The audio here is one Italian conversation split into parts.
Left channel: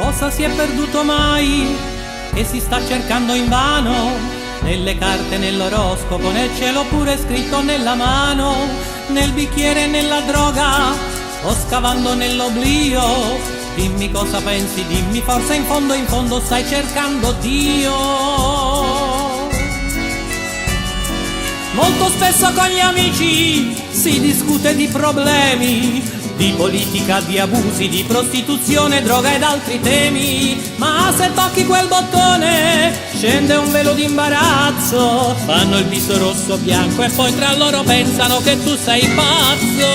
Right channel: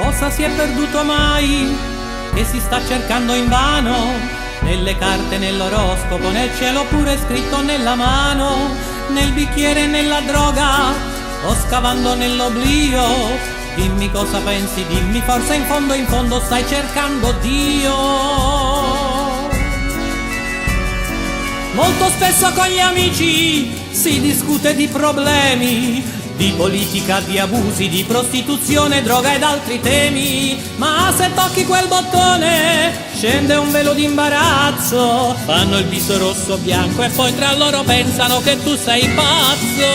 Cosa si è perduto mai, che si sta cercando invano? Nelle carte, nell'oroscopo, nel cielo pure scritto nella mano, nel bicchiere e nella droga, o scavando nell'oblio. Dimmi cosa pensi, dimmi, forse in fondo stai cercando Dio. Molto spesso con gli amici si discute di problemi, di politica, di abusi, di prostituzione, droga ed altri temi. Ma se tocchi quel bottone scende un velo d'imbarazzo, fanno il viso rosso bianco e poi tra loro pensano che tu sei pazzo.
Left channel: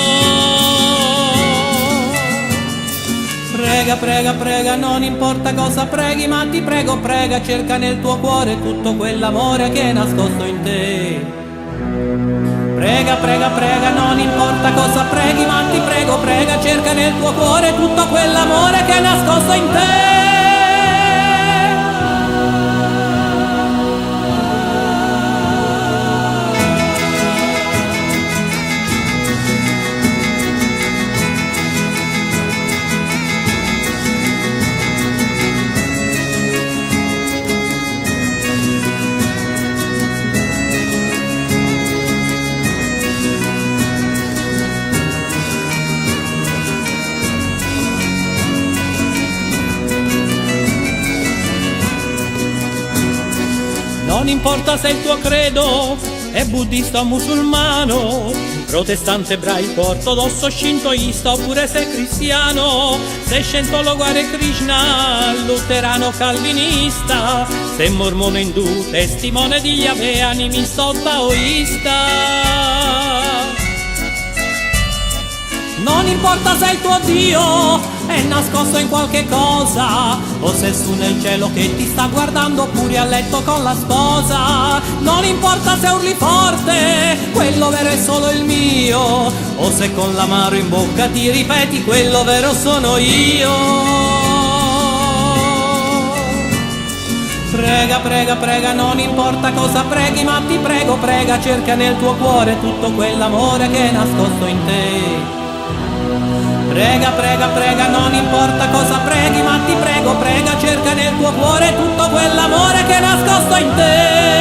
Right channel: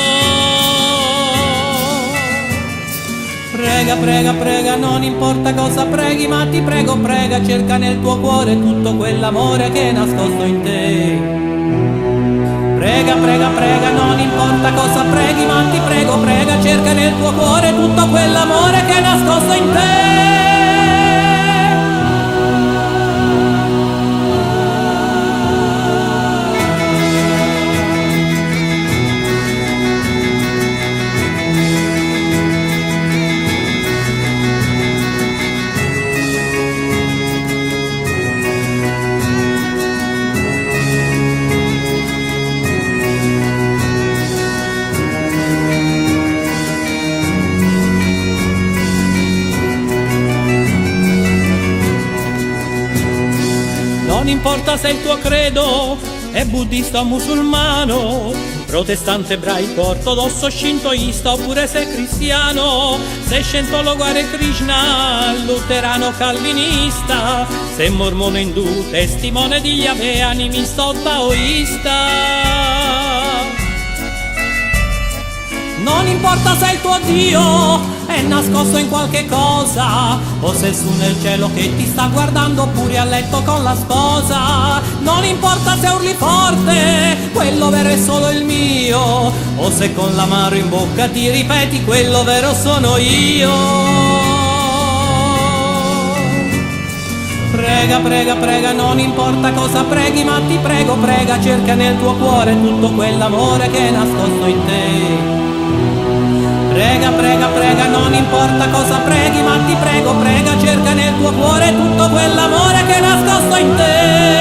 Prega, prega, prega, non importa cosa preghi, ma ti prego, prega, cerca nel tuo cuore tutto quell'amore che è nascosto in te. Prega, prega, prega, non importa cosa preghi, ma ti prego, prega, cerca nel tuo cuore tutto quell'amore che è nascosto in te. Non importa se il tuo credo è buddista o musulmano, protestante, ebraico, ortodosso, shintoista oppure sei cristiano, sei scientologo, Hare Krishna, luterano, calvinista, sei mormone, indù, testimone di Yahweh, animista o taoista. Non importa se il tuo Dio è nascosto in qualche cosa, o se è su nel cielo che ti sta guardando, oppure a letto con la sposa. Non importa se urli forte, quello vero è solo il mio, o se con l'amaro in bocca ti ripeti, quello vero sono io. Prega, prega, prega, non importa cosa preghi, ma ti prego, prega, cerca nel tuo cuore tutto quell'amore che è nascosto in te. Prega, prega, prega, non importa cosa preghi, ma ti prego, prega, cerca nel tuo cuore tutto quell'amore che è nascosto in te.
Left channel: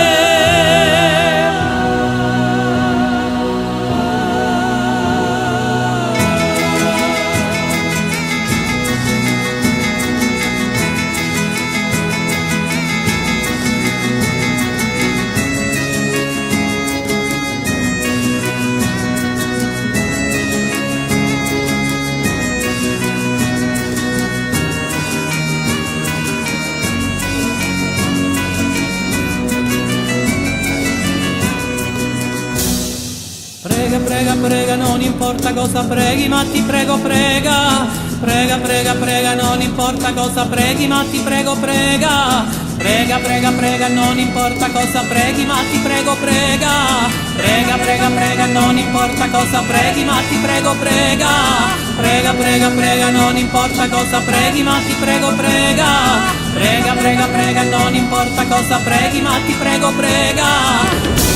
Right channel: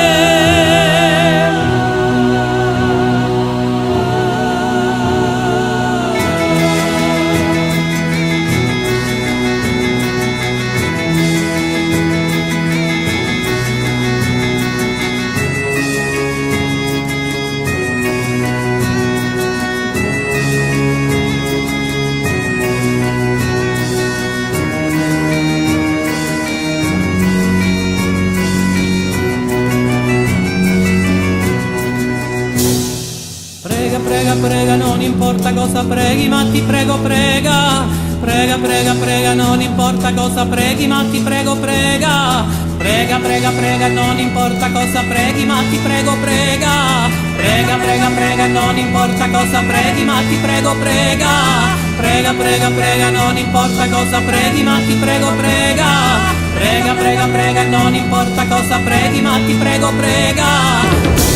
Prega, prega, prega, non importa cosa preghi, ma ti prego, prega. Prega, prega, prega, non importa cosa preghi, ma ti prego, prega. Prega, prega, prega, non importa cosa preghi, ma ti prego, prega. Prega, prega, prega, non importa cosa preghi, ma ti prego, prega. Prega, prega, prega, non importa cosa preghi, ma ti prego, prega. Prega, prega, prega, non importa cosa preghi, ma ti prego, prega.